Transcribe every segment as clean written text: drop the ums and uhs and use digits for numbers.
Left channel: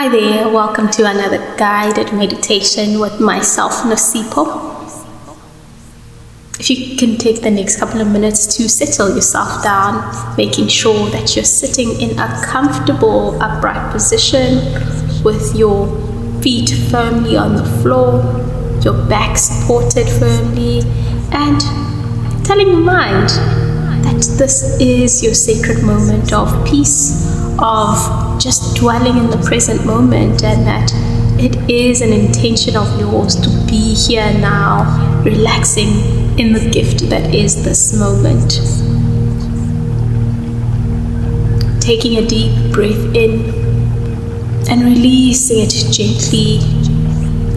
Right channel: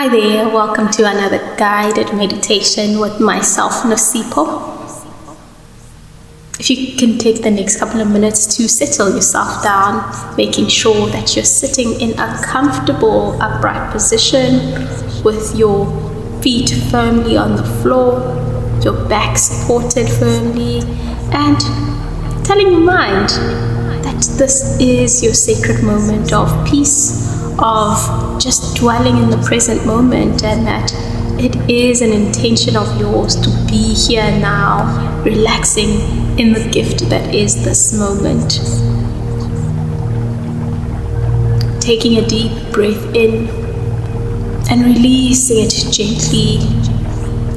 Hi there, welcome to another guided meditation with myself, Nosipo. If you can take the next couple of minutes to settle yourself down, making sure that you're sitting in a comfortable upright position with your feet firmly on the floor, your back supported firmly, and telling your mind that this is your sacred moment of peace, of just dwelling in the present moment, and that it is an intention of yours to be here now, relaxing in the gift that is this moment. Taking a deep breath in and releasing it gently,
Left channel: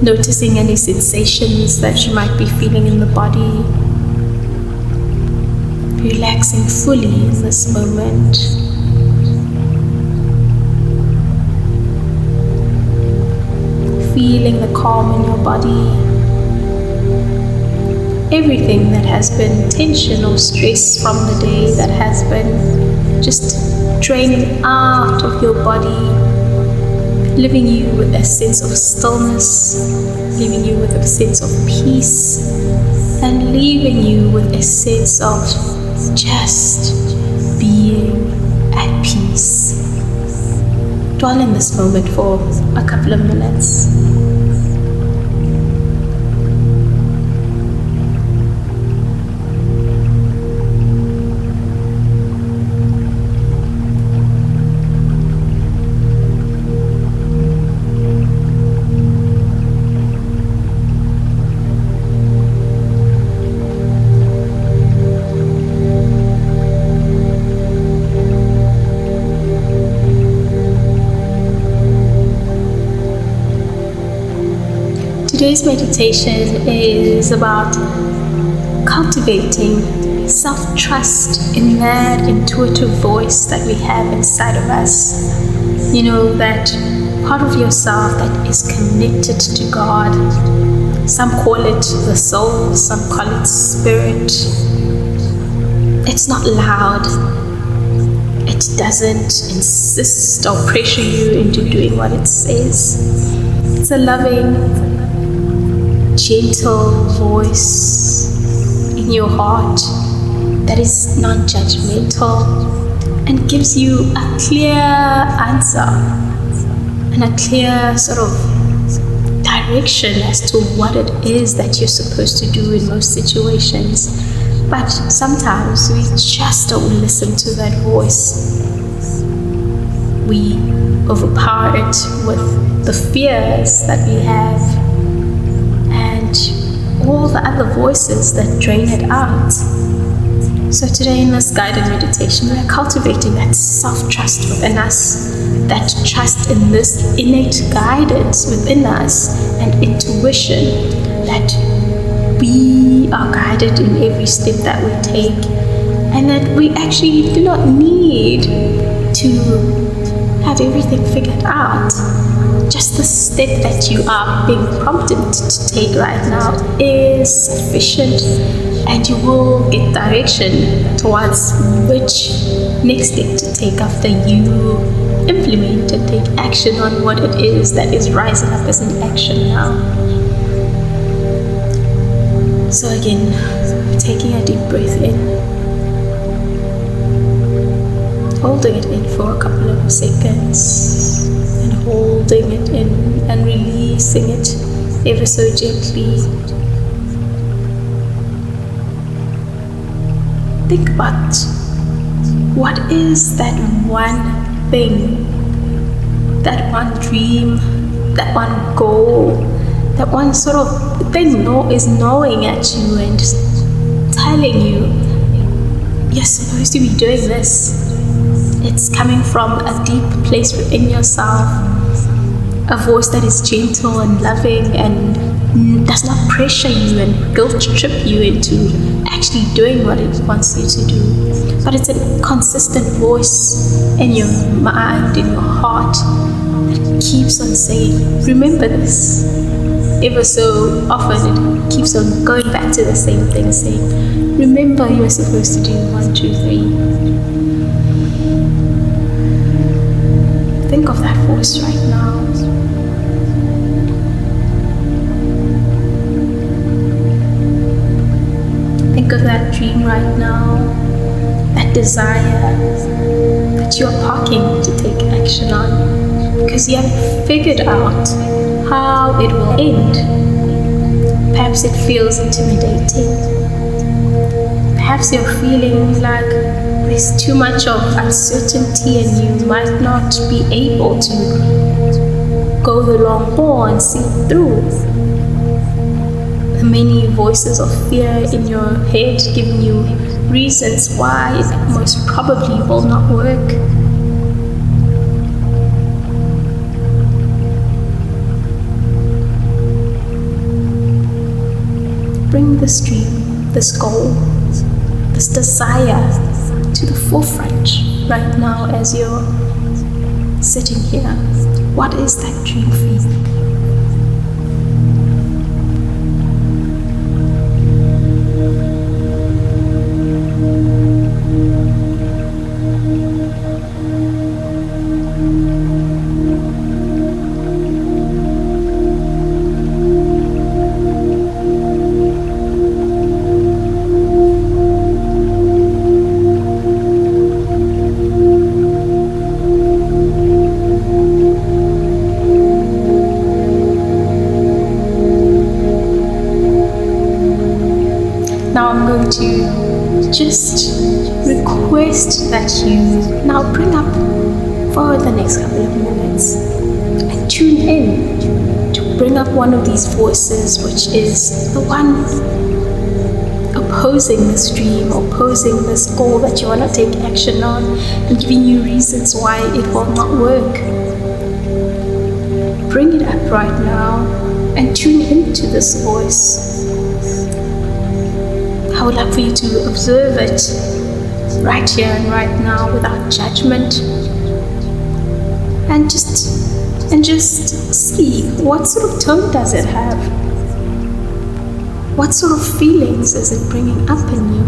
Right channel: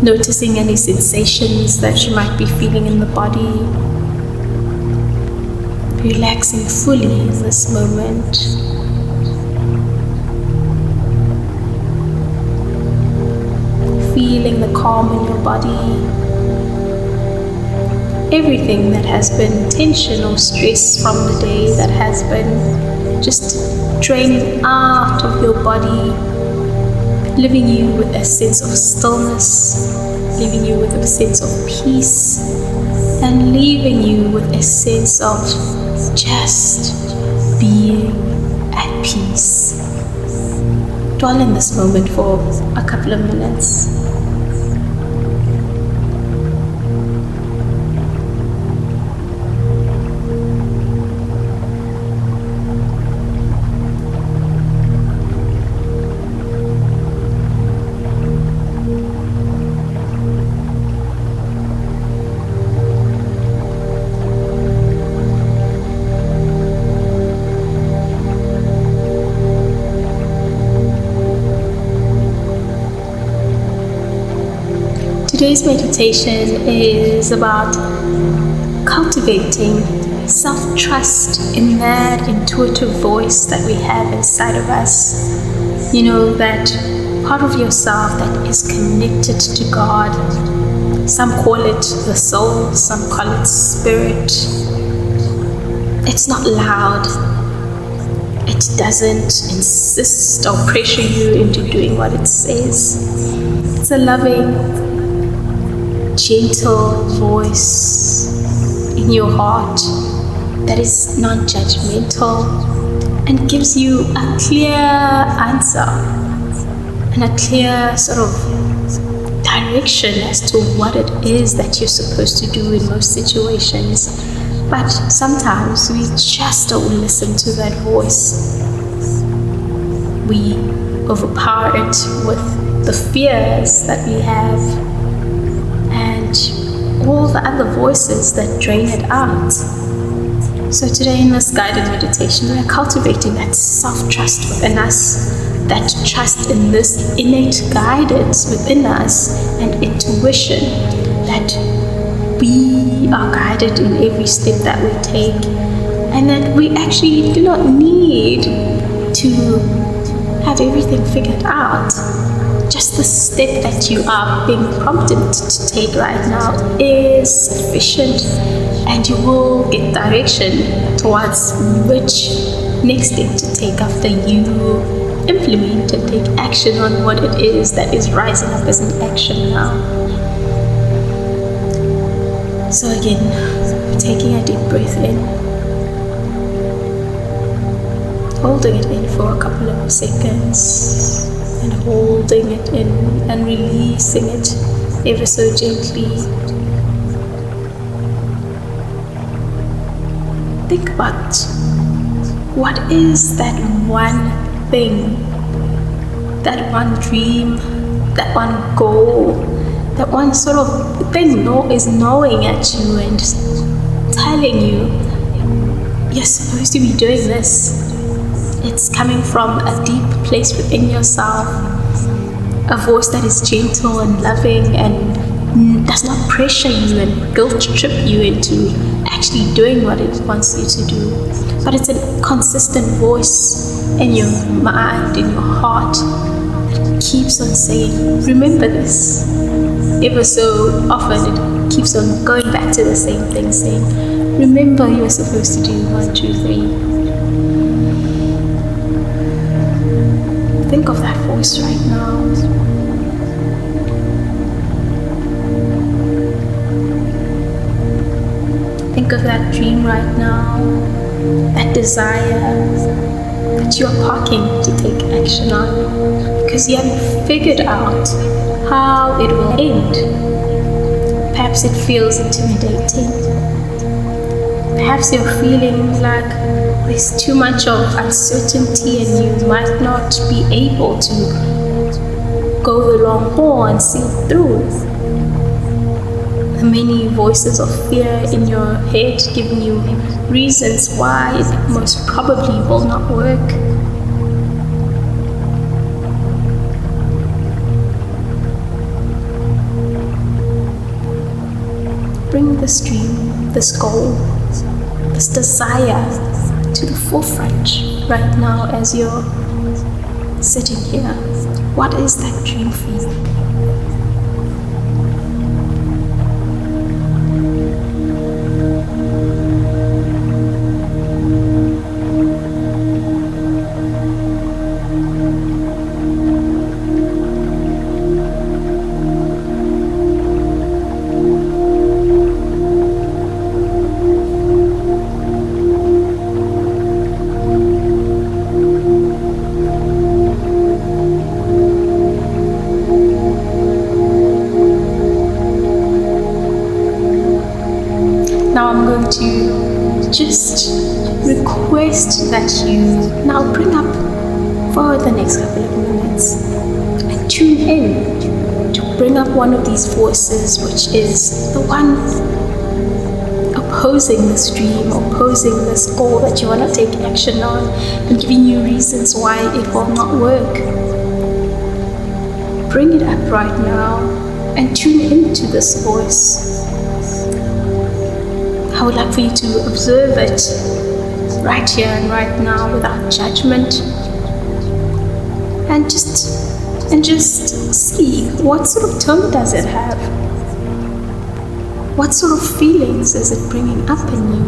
noticing any sensations that you might be feeling in the body, relaxing fully in this moment. Feeling the calm in your body. Everything that has been tension or stress from the day that has been just draining out of your body, leaving you with a sense of stillness, leaving you with a sense of peace, and leaving you with a sense of just being at peace. Dwell in this moment for a couple of minutes. Today's meditation is about cultivating self-trust in that intuitive voice that we have inside of us. You know, that part of yourself that is connected to God. Some call it the soul, some call it spirit. It's not loud. It doesn't insist or pressure you into doing what it says. It's a loving, gentle voice in your heart that is non-judgmental and gives you a clear answer and a clear sort of direction as to what it is that you're supposed to do in most situations. But sometimes we just don't listen to that voice. We overpower it with the fears that we have and all the other voices that drain it out. So today in this guided meditation, we are cultivating that self-trust within us, that trust in this innate guidance within us and intuition that we are guided in every step that we take, and that we actually do not need to have everything figured out. Just the step that you are being prompted to take right now is sufficient, and you will get direction towards which next step to take after you implement and take action on what it is that is rising up as an action now. So again, taking a deep breath in, holding it in for a couple of seconds, and holding it in and releasing it ever so gently. Think about what is that one thing, that one dream, that one goal, that one sort of thing is knowing at you and telling you you're supposed to be doing this. It's coming from a deep place within yourself, a voice that is gentle and loving and does not pressure you and guilt trip you into actually doing what it wants you to do. But it's a consistent voice in your mind, in your heart, that keeps on saying, remember this. Ever so often it keeps on going back to the same thing, saying, remember you are supposed to do 1, 2, 3. Think of that voice right now. Think of that dream right now, that desire that you are parking to take action on because you haven't figured out how it will end. Perhaps it feels intimidating. Perhaps you're feeling like there's too much of uncertainty and you might not be able to go the long haul and see it through. The many voices of fear in your head giving you reasons why it most probably will not work. Bring this dream, this goal, this desire to the forefront right now as you're sitting here. What is that dream for you? Now I'm going to just request that you now bring up for the next couple of minutes and tune in to bring up one of these voices, which is the one opposing this dream, opposing this goal that you want to take action on, and giving you reasons why it will not work. Bring it up right now and tune into this voice. I would like for you to observe it right here and right now without judgment, and just see what sort of tone does it have? What sort of feelings is it bringing up in you?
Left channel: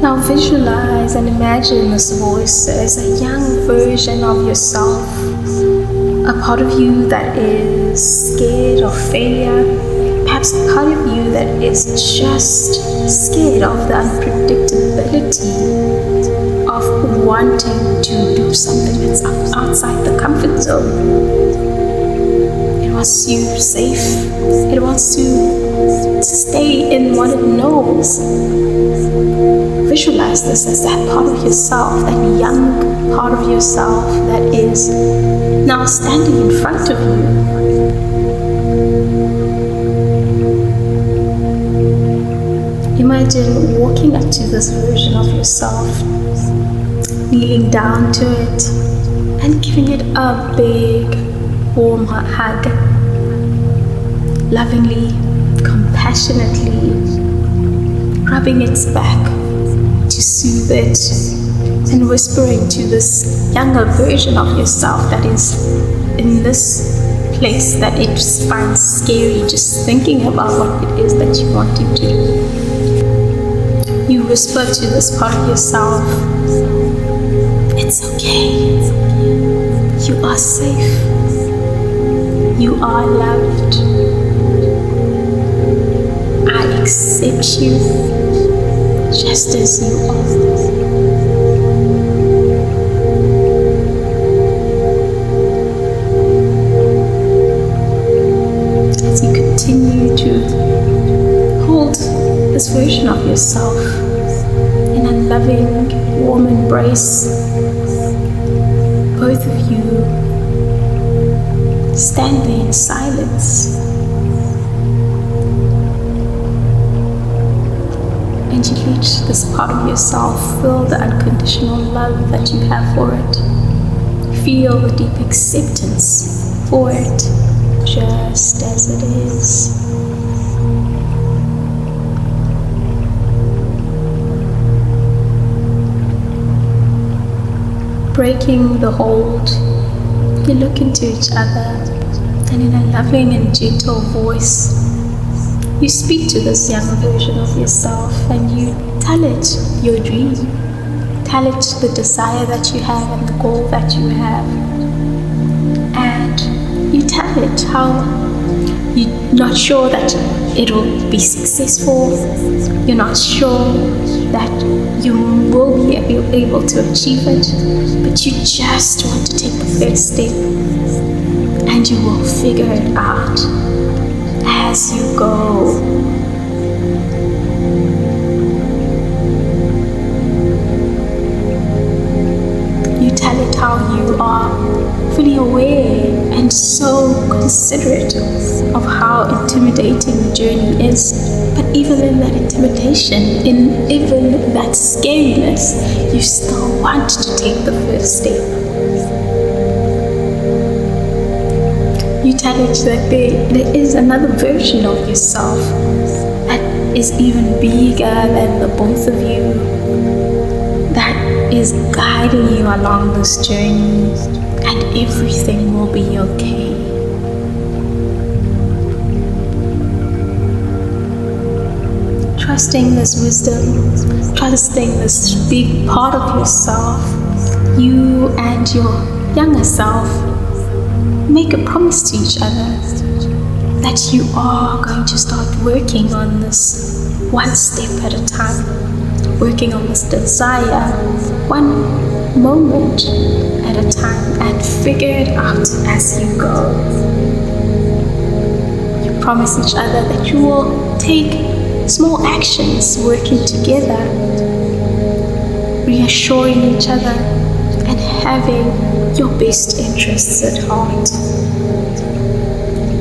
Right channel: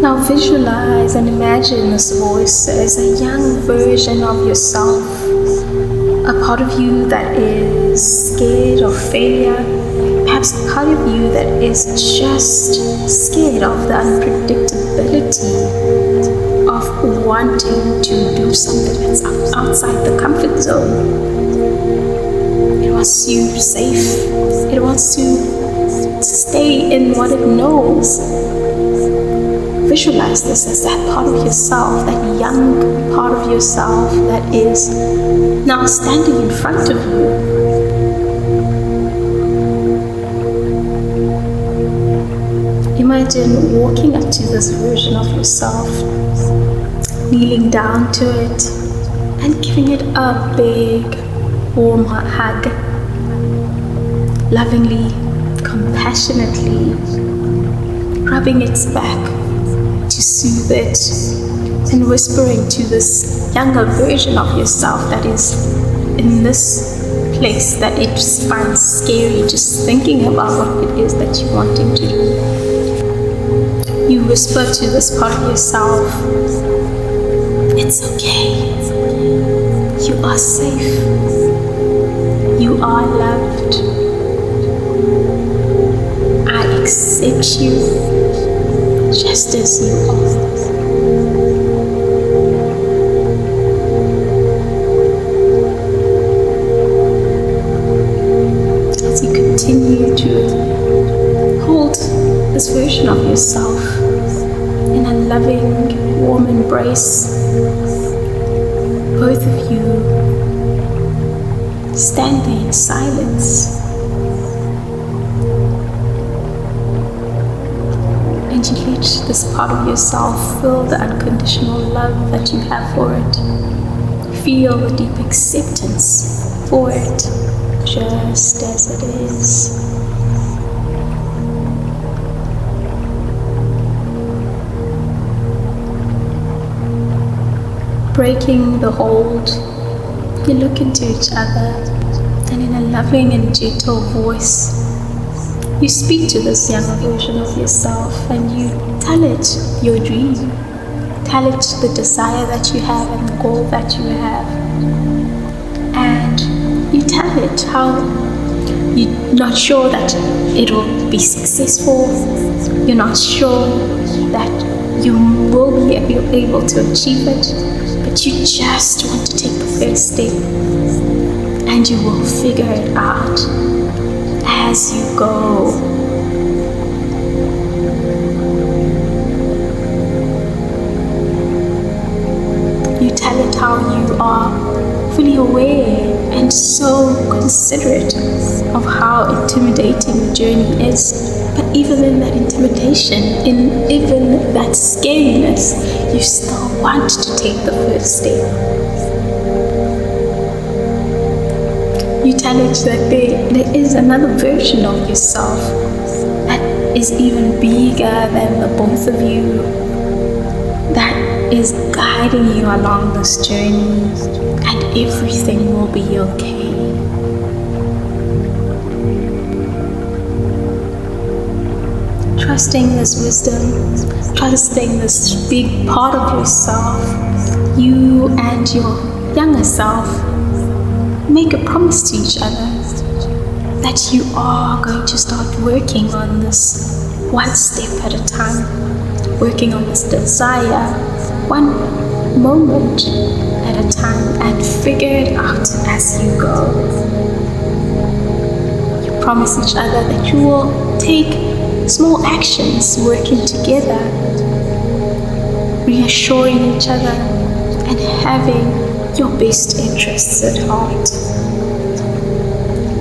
Now visualize and imagine this voice as a young version of yourself, a part of you that is scared of failure, perhaps a part of you that is just scared of the unpredictability of wanting to do something that's outside the comfort zone. It wants you safe. It wants to stay in what it knows. Visualize this as that part of yourself, that young part of yourself that is now standing in front of you. Imagine walking up to this version of yourself, kneeling down to it and giving it a big, warm hug, lovingly, compassionately, rubbing its back to soothe it, and whispering to this younger version of yourself that is in this place that it just finds scary just thinking about what it is that you're wanting to do. You whisper to this part of yourself, it's okay, you are safe, you are loved, I accept you just as you are. As you continue to hold this version of yourself in a loving, warm embrace, both of you stand there in silence. And you let this part of yourself feel the unconditional love that you have for it. Feel the deep acceptance for it. just as it is. Breaking the hold, you look into each other, and in a loving and gentle voice, you speak to this younger version of yourself and you tell it your dream. Tell it the desire that you have and the goal that you have. And you tell it how you're not sure that it will be successful. You're not sure that you will be able to achieve it, but you just want to take the first step, and you will figure it out as you go. You tell it how you are fully aware and so considerate of how intimidating the journey is. But even in that intimidation, in even that scariness, you still want to take the first step. You tell it that there is another version of yourself that is even bigger than the both of you, that is guiding you along this journey, and everything will be okay. Trusting this wisdom, trusting this big part of yourself, you and your younger self make a promise to each other that you are going to start working on this one step at a time, working on this desire one moment at a time, and figure it out as you go. You promise each other that you will take small actions working together, reassuring each other and having your best interests at heart.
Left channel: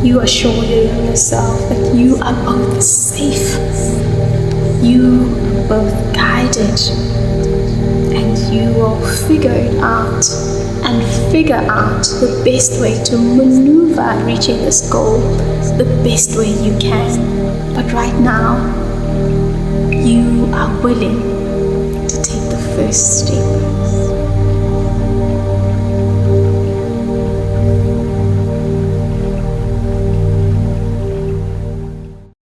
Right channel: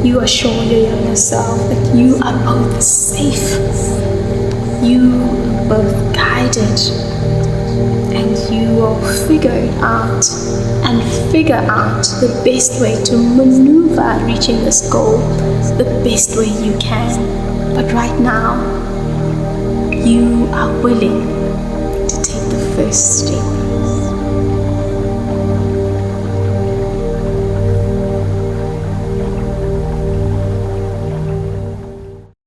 You assure your younger self that you are both safe, you are both guided, and you will figure it out and figure out the best way to maneuver reaching this goal the best way you can. But right now, you are willing to take the first step.